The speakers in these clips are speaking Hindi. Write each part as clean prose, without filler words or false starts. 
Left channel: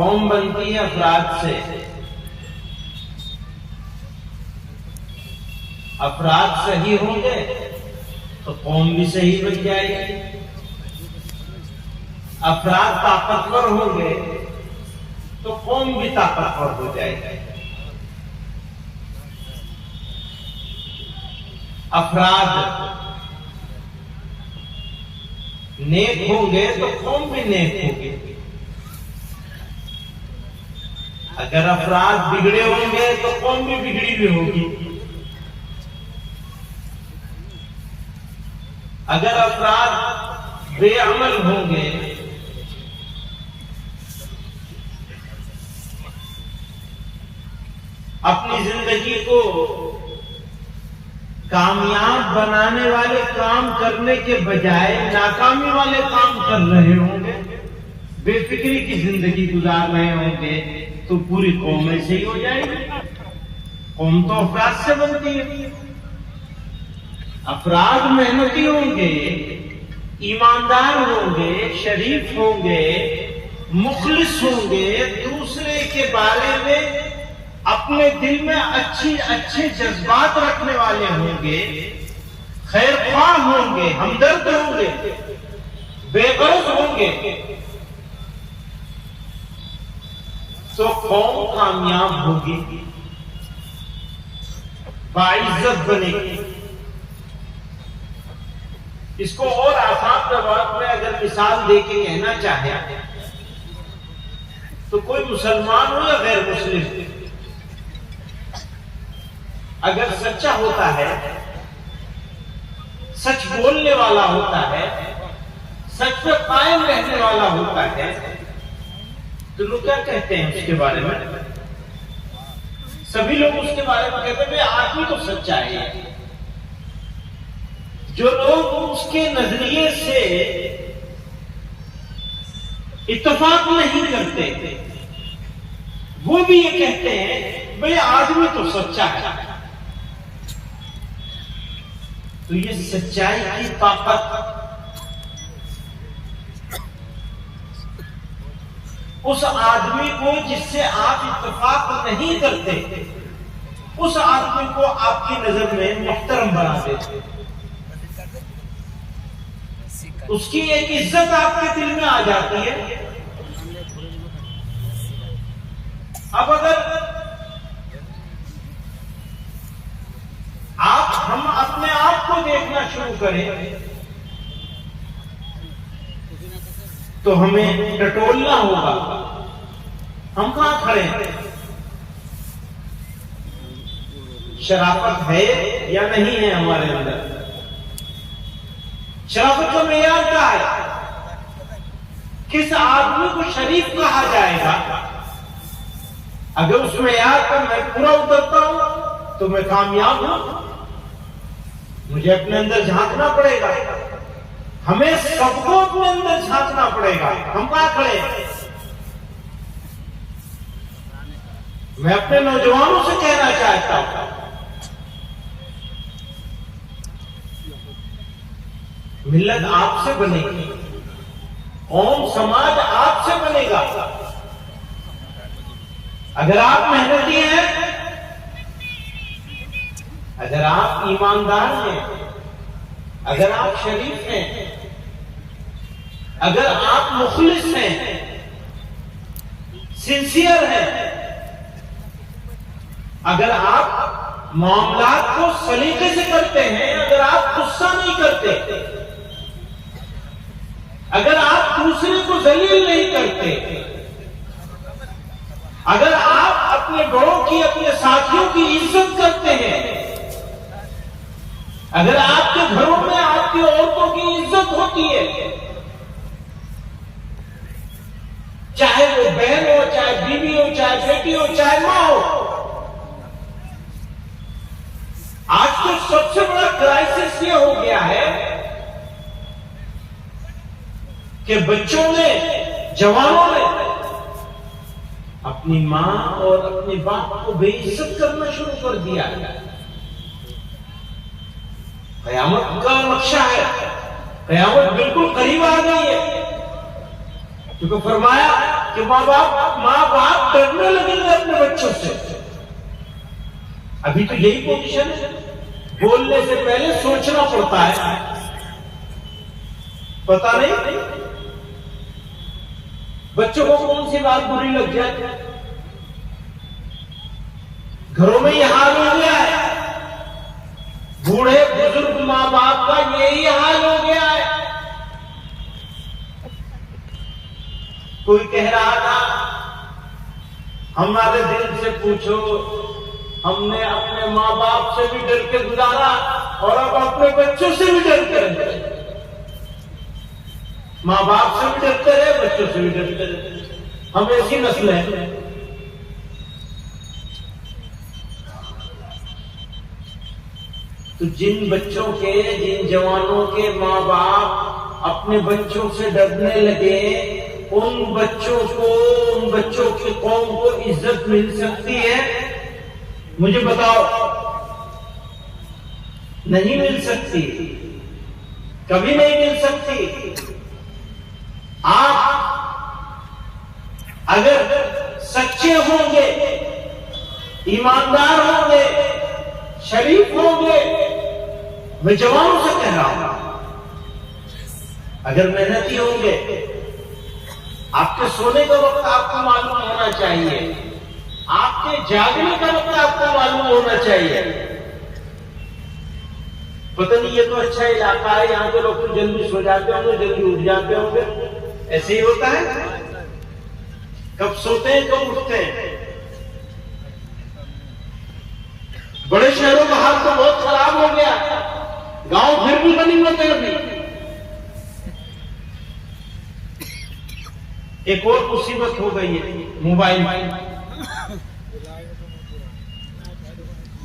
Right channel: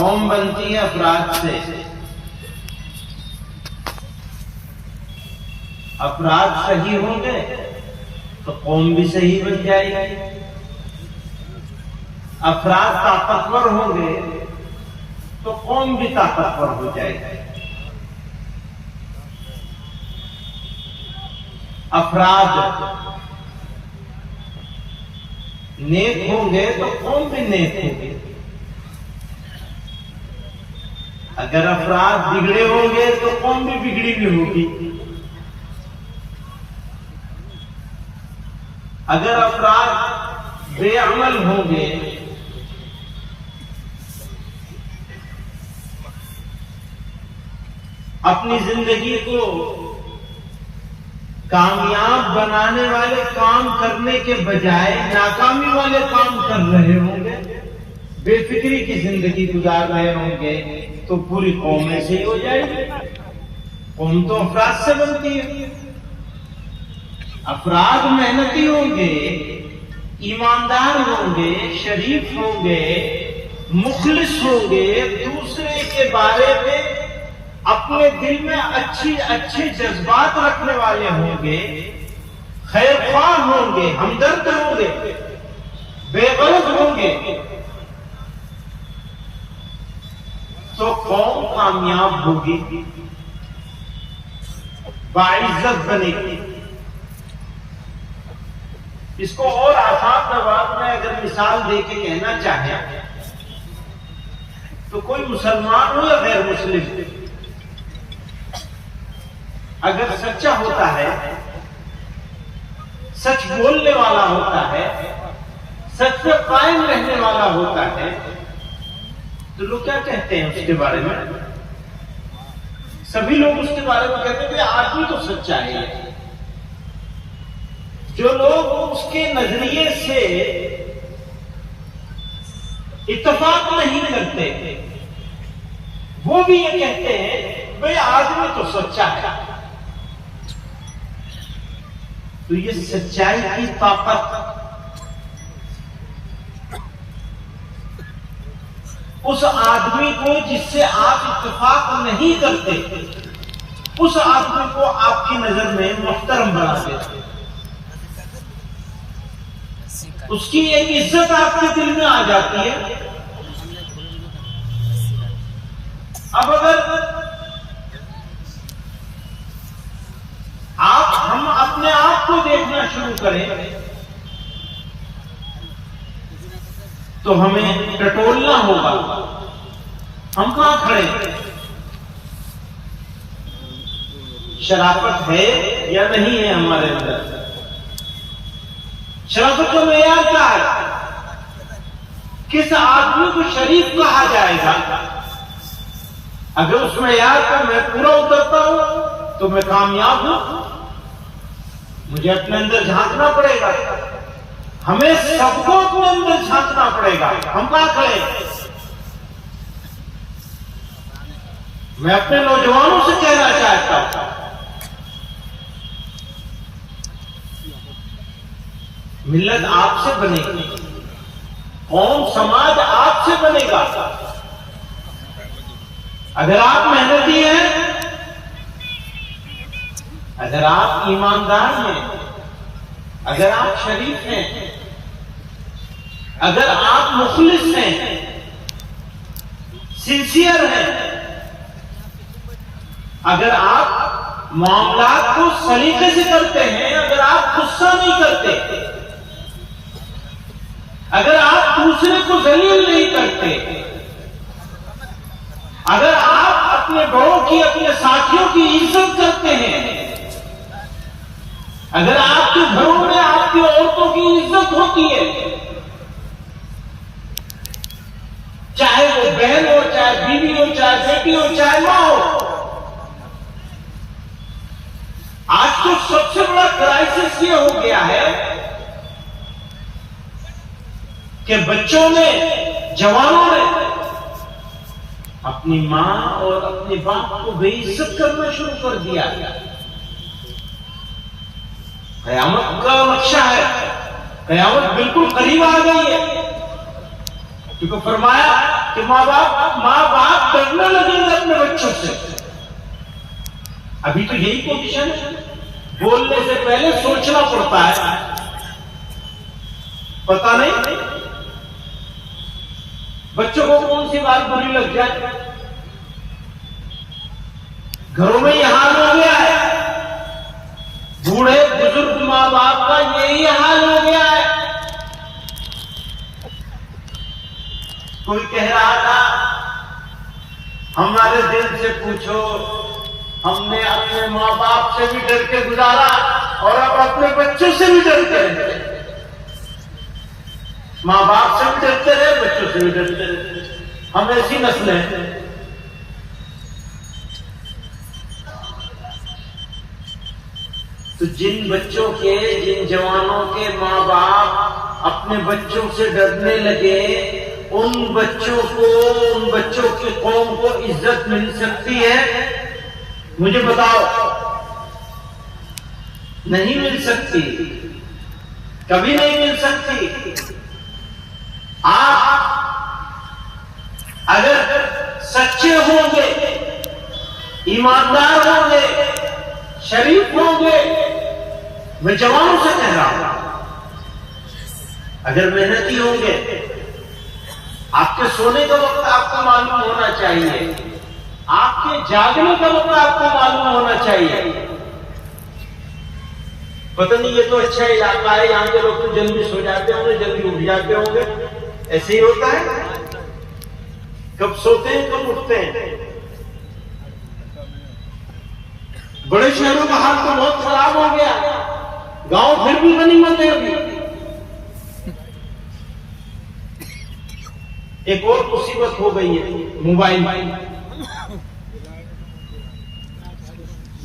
कौम बनती है अफराद से। अफराद सही होंगे तो कौम भी सही बन जाएगी। अफराद ताकतवर होंगे तो कौम भी ताकतवर हो जाएगी। अफराद नेक होंगे तो कौम भी नेक होगी। अगर अफराद बिगड़े होंगे तो कौम भी बिगड़ी भी होगी। अगर अफराद बेअमल होंगे अपनी जिंदगी को कामयाब बनाने वाले काम करने के बजाय नाकामी वाले काम कर रहे होंगे, बेफिक्री की जिंदगी गुजार रहे होंगे, तो पूरी कौम ऐसे ही हो जाएगी। कौम तो अफराद से बनती है। अफराद मेहनती होंगे, ईमानदार होंगे, शरीफ होंगे, मुखलिस होंगे, दूसरे के बारे में अपने दिल में अच्छे जज्बात रखने वाले होंगे, खैर ख्वाह होंगे, हमदर्द होंगे, बेगर्ज होंगे, तो कौम कामयाब होगी, बाइज्जत बनेगी। इसको और आसान जवाब में अगर मिसाल देके कहना चाहे तो कोई मुसलमान हो या गैर मुस्लिम, अगर सच्चा होता है, सच बोलने वाला होता है, सच पे कायम रहने वाला होता है, तो लोग क्या कहते हैं उसके बारे में? सभी लोग उसके बारे में कहते हैं कि आदमी तो सच्चा है। जो लोग उसके नजरिए से इत्तेफाक नहीं करते वो भी ये कहते हैं भाई आदमी तो सच्चा है। तो ये सच्चाई की ताकत उस आदमी को जिससे आप इत्तेफाक नहीं करते, उस आदमी को आपकी नजर में मुहतरम बना देते, उसकी एक इज्जत आपके दिल में आ जाती है। अब अगर हम अपने आप को देखना शुरू करें तो हमें टटोलना होगा। हम कहां खड़े हैं? शराफत है या नहीं है हमारे अंदर? शराफत का मेयार क्या है? किस आदमी को शरीफ कहा जाएगा? अगर उस मेयार पर मैं पूरा उतरता हूं तो मैं कामयाब हूं। मुझे अपने अंदर झांकना पड़ेगा, हमें सबको अपने अंदर झांकना पड़ेगा। हम कहां खड़े? मैं अपने नौजवानों से कहना चाहता हूं, मिल्लत आपसे बनेगी, कौम समाज आपसे बनेगा। अगर आप मेहनती हैं, अगर आप ईमानदार हैं, अगर आप शरीफ हैं, अगर आप मुखलिस हैं, सिंसियर हैं, अगर आप मामलात को सलीके से करते हैं, अगर आप गुस्सा नहीं करते, अगर आप दूसरे को जलील नहीं करते, अगर आप अपने बड़ों की, अपने साथियों की इज्जत करते हैं, अगर आपके घरों में आपकी औरतों की इज्जत होती है, चाहे वो बहन हो, चाहे बीवी हो, चाहे बेटी हो, चाहे मां हो। आज तो सबसे बड़ा क्राइसिस ये हो गया है कि बच्चों ने, जवानों ने अपनी मां और अपने बाप को बेइज्जत करना शुरू कर दिया। कयामत का नक्शा है, कयामत बिल्कुल करीब आ गई है। क्योंकि फरमाया कि माँ बाप डरने लगेंगे अपने बच्चों से। अभी तो यही पोजीशन है, बोलने से पहले सोचना पड़ता है। पता नहीं बच्चों को कौन सी बात बुरी लग जाए। घरों में यह हाल हो गया है, बूढ़े बुजुर्ग माँ बाप का यही हाल हो गया है। कोई कह रहा था, हमारे दिल से पूछो, हमने अपने माँ बाप से भी डर के गुजारा और अब अपने बच्चों से भी डरते रहे। माँ बाप से भी डरते रहे, बच्चों से भी डरते रहे। हम ऐसी नस्ल हैं। तो जिन बच्चों के, जिन जवानों के माँ बाप अपने बच्चों से डरने लगे, उन बच्चों की कौम को इज्जत मिल सकती है? मुझे बताओ। नहीं मिल सकती, कभी नहीं मिल सकती। आप अगर सच्चे होंगे, ईमानदार होंगे, शरीफ होंगे, मैं जवानों से कह रहा हूं, अगर मेहनती होंगे, आपके सोने का वक्त आपको मालूम होना चाहिए, आपके जागने का वक्त आपको मालूम होना चाहिए। पता नहीं ये तो अच्छा इलाका है, यहां के लोग तो जल्दी सो जाते होंगे, जल्दी उठ जाते होंगे, ऐसे ही होता है। कब सोते हैं कब उठते हैं। बड़े शहरों का हाल तो बहुत खराब हो गया, गांव फिर भी नहीं होते। अभी एक और मुसीबत हो गई है, मोबाइल।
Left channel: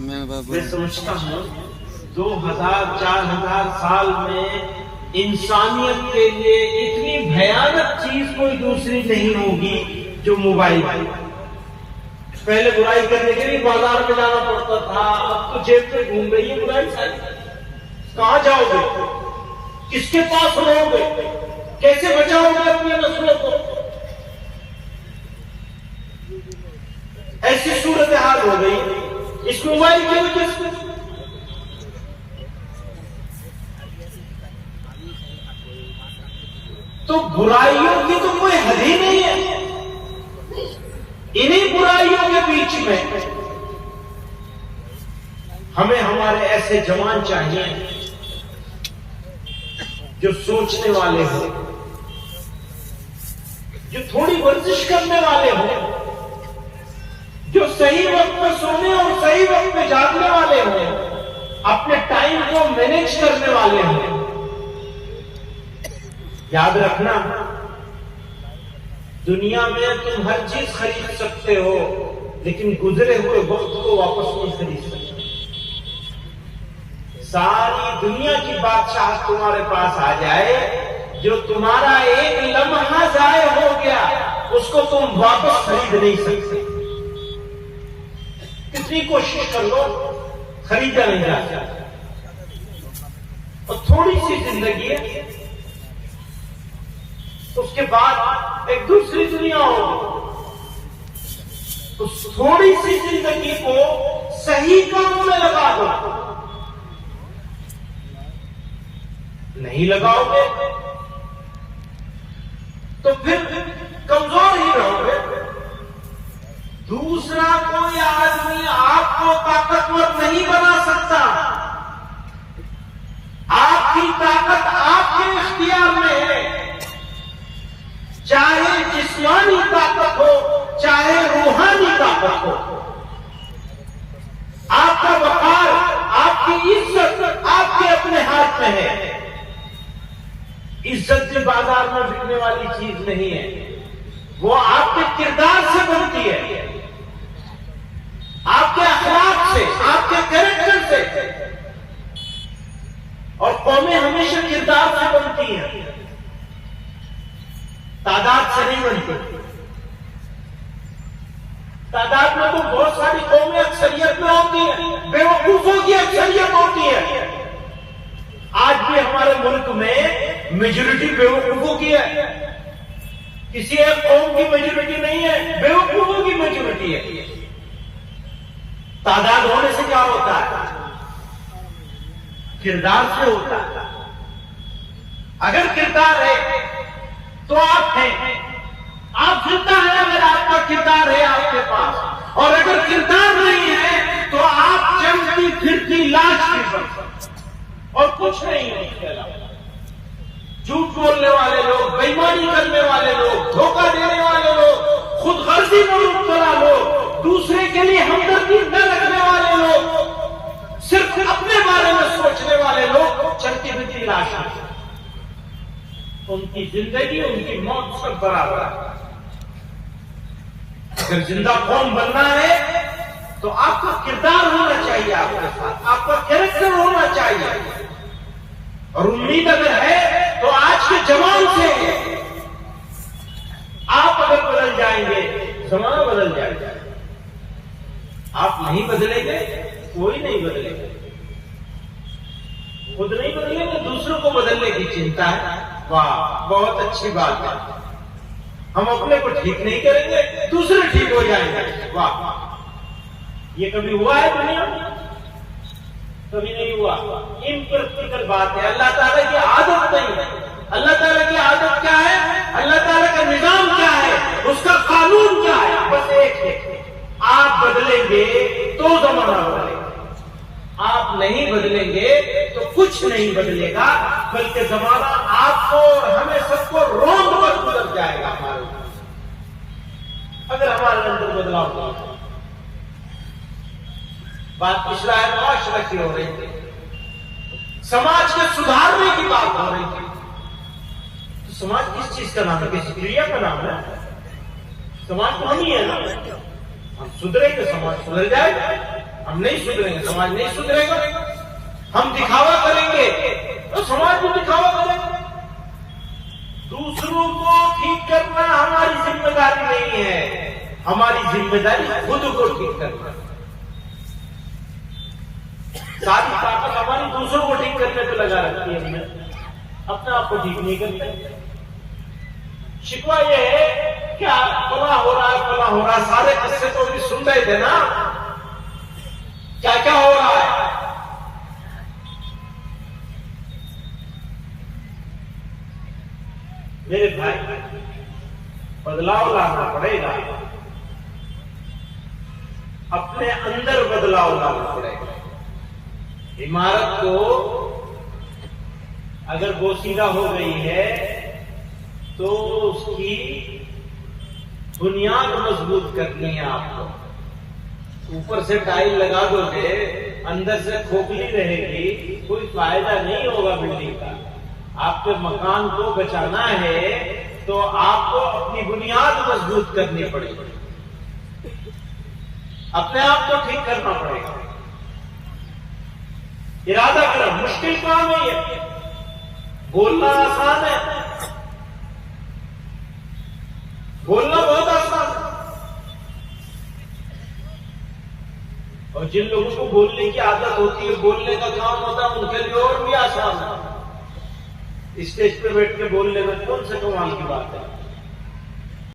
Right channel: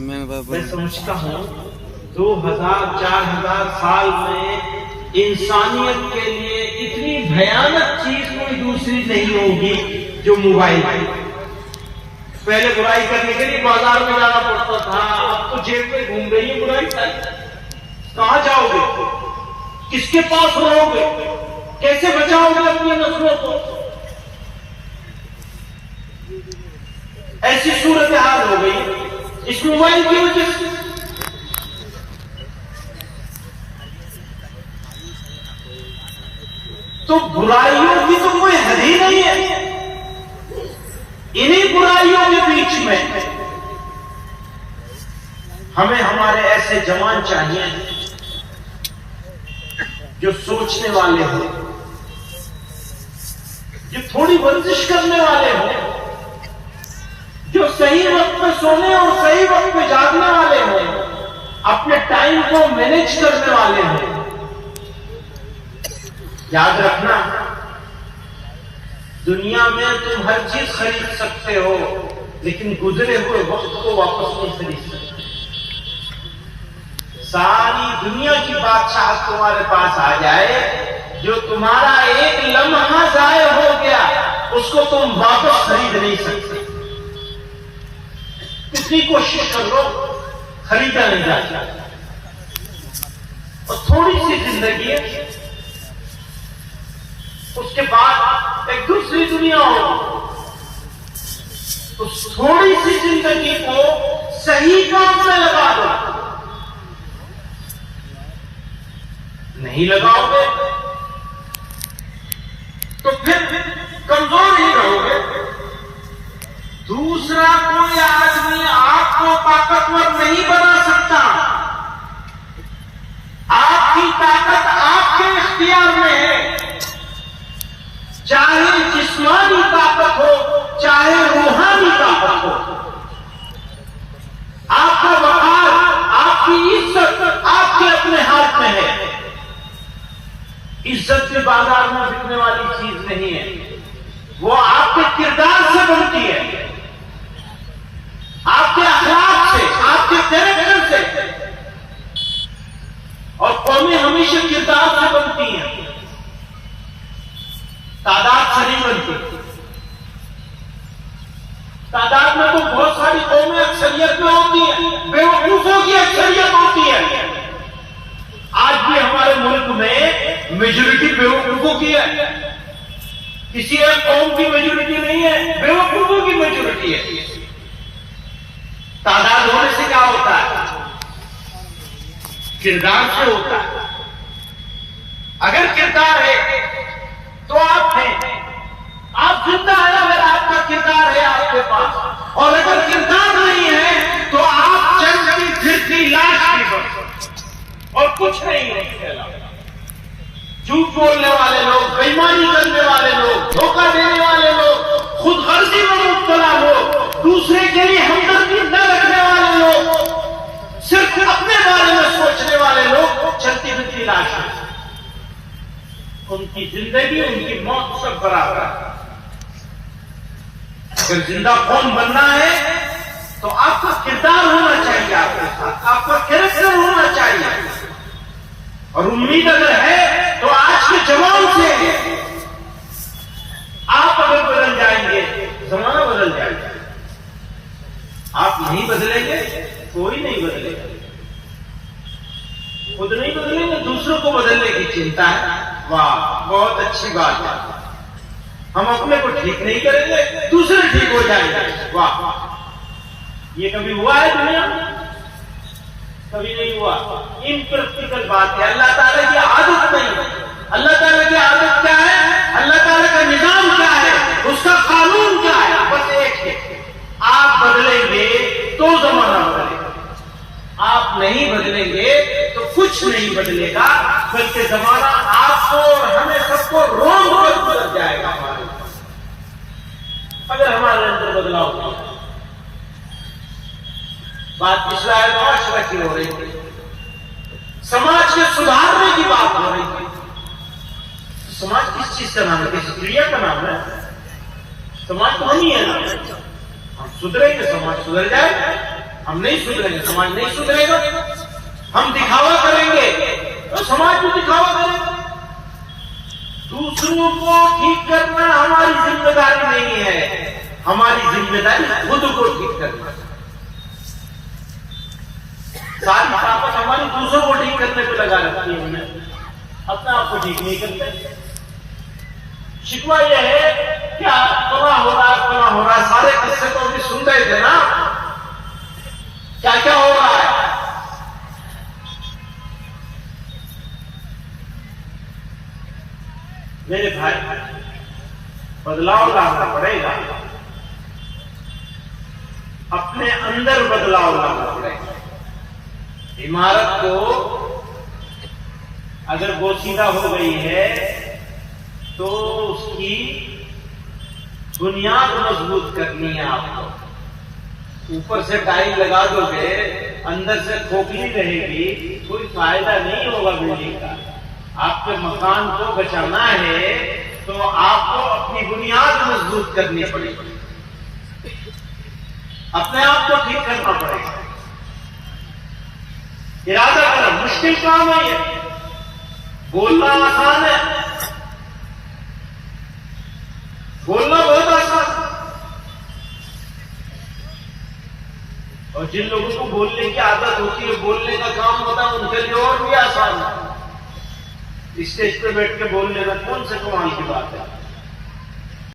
मैं समझता हूं 2000-4000 साल में इंसानियत के लिए इतनी भयानक चीज कोई दूसरी नहीं होगी जो मोबाइल है। पहले बुराई करने के लिए बाजार में जाना पड़ता था, अब तो जेब में घूम रही है बुराई। कहां जाओगे, किसके पास रहोगे, कैसे बचाओगे अपनी नस्लों को? ऐसी सूरत हाल हो गई इस मोबाइल की वजह से। तो बुराइयों की तो कोई हद ही नहीं है। इन्हीं बुराइयों के बीच में हमें हमारे ऐसे जवान चाहिए जो सोचने वाले हो, जो थोड़ी वर्जिश करने वाले हो, जो सही वक्त पे सोने और सही वक्त पे जागने वाले हो, अपने टाइम को मैनेज करने वाले हो। याद रखना, दुनिया में तुम हर चीज खरीद सकते हो, लेकिन गुजरे हुए वक्त को वापस नहीं खरीद सकते। सारी दुनिया की बादशाह तुम्हारे पास आ जाए, जो तुम्हारा एक लम्हा जाए हो गया उसको तुम वापस खरीद नहीं सकते। कितनी कोशिश कर लो, खरीदा नहीं जाता। और थोड़ी सी जिंदगी है, उसके बाद एक दूसरी दुनिया होगी। उस थोड़ी सी जिंदगी को सही काम में लगा दो। नहीं लगाओगे तो फिर कमजोर ही रहोगे। दूसरा कोई आदमी आपको ताकतवर नहीं बना सकता। आपकी ताकत आपके इख्तियार में है, चाहे जिस्मानी ताकत हो, चाहे रूहानी ताकत हो। आपका वकार, आपकी इज्जत आपके अपने हाथ में है। इज्जत से बाजार में बिकने वाली चीज नहीं है, वो आपके किरदार से बनती है, आपके अखलाक से, आपके कैरेक्टर से। और कौमें हमेशा किरदार से बनती हैं, तादाद से नहीं बनती। तादाद में तो बहुत सारी कौमें अक्सरियत में होती हैं, बेवकूफों की अक्सरियत होती है। आज भी हमारे मुल्क में मेजॉरिटी बेवकूफों की है। किसी एक कौम की मेजोरिटी नहीं है, बेवकूफों की मेजोरिटी है। तादाद होने से क्या होता है? किरदार से होता है। अगर किरदार है तो आप हैं, आप जिंदा हैं अगर आपका किरदार है आपके पास, और अगर किरदार नहीं है तो आप चलती फिरती लाश की बन और कुछ नहीं है इसके अलावा। झूठ बोलने वाले लोग, बेईमानी करने वाले लोग, धोखा देने वाले लोग, खुद गर्जी में मुब्तला लोग, दूसरे के लिए हमदर्दी न रखने वाले लोग, सिर्फ अपने बारे में सोचने वाले लोग चलती फिरती लाश है। उनकी जिंदगी उनकी मौत सब बराबर है। अगर जिंदा कौम बनना है तो आपका किरदार होना चाहिए, आपके साथ आपका कैरेक्टर होना चाहिए। और उम्मीद अगर है तो आज के जवान से आप अगर बदल जाएंगे, जमाना बदल जाएगा। आप नहीं बदलेंगे, कोई नहीं बदलेगा। खुद नहीं बदलेंगे, दूसरों को बदलने की चिंता है। वाह, बहुत अच्छी बात है। हम अपने को ठीक नहीं करेंगे, दूसरे ठीक हो जाएंगे। वाह, ये कभी हुआ है दुनिया में? कभी नहीं हुआ। इम्प्रैक्टिकल बात है। अल्लाह ताला की आदत नहीं है। अल्लाह ताला की आदत क्या है? अल्लाह ताला का निजाम क्या है? उसका कानून क्या है? बस एक है, आप बदलेंगे तो जमाना बदलेगा, आप नहीं बदलेंगे तो कुछ नहीं बदलेगा, बल्कि जमाना आपको और हमें सबको रोंद कर गुजर जाएगा हमारे, अगर हमारे अंदर बदलाव नहीं। बात पिछला है, माशरा की हो रही थी, समाज के सुधारने की बात हो रही थी। तो समाज किस चीज का नाम है? किस क्रिया का नाम है? समाज तो हम ही है ना। हम सुधरेंगे, समाज सुधर जाएगा। हम नहीं सुधरेंगे, समाज नहीं सुधरेगा। हम दिखावा करेंगे तो समाज भी दिखावा करेगा। दूसरों को ठीक करना हमारी जिम्मेदारी नहीं है, हमारी जिम्मेदारी खुद को ठीक करना। सारी ताकत हमारी दूसरों को ठीक करने पे लगा रखती है, हमने अपने आप को ठीक नहीं करते। शिकवा यह है क्या कला हो रहा है, कला हो रहा है। सारे किस्से तो भी सुन रहे थे ना, क्या क्या हो रहा है। मेरे भाई, बदलाव लाना पड़ेगा, अपने अंदर बदलाव लाना पड़ेगा। इमारत को अगर बोसीदा हो गई है तो उसकी बुनियाद मजबूत करनी है आपको। ऊपर से टाइल लगा दोगे, अंदर से खोखली रहेगी, कोई फायदा नहीं होगा बिल्डिंग का। आपके मकान को बचाना है तो आपको अपनी बुनियाद मजबूत करनी पड़ेगी, अपने आप को ठीक करना पड़ेगा। इरादा करो, मुश्किल काम है ये, बोलना आसान है, बोलना बहुत आसान है। और जिन लोगों को बोलने की आदत होती है, बोलने का काम होता है, उनके लिए और भी आसान है। स्टेज पे बैठ के बोलने में कौन से कमाल की बात है।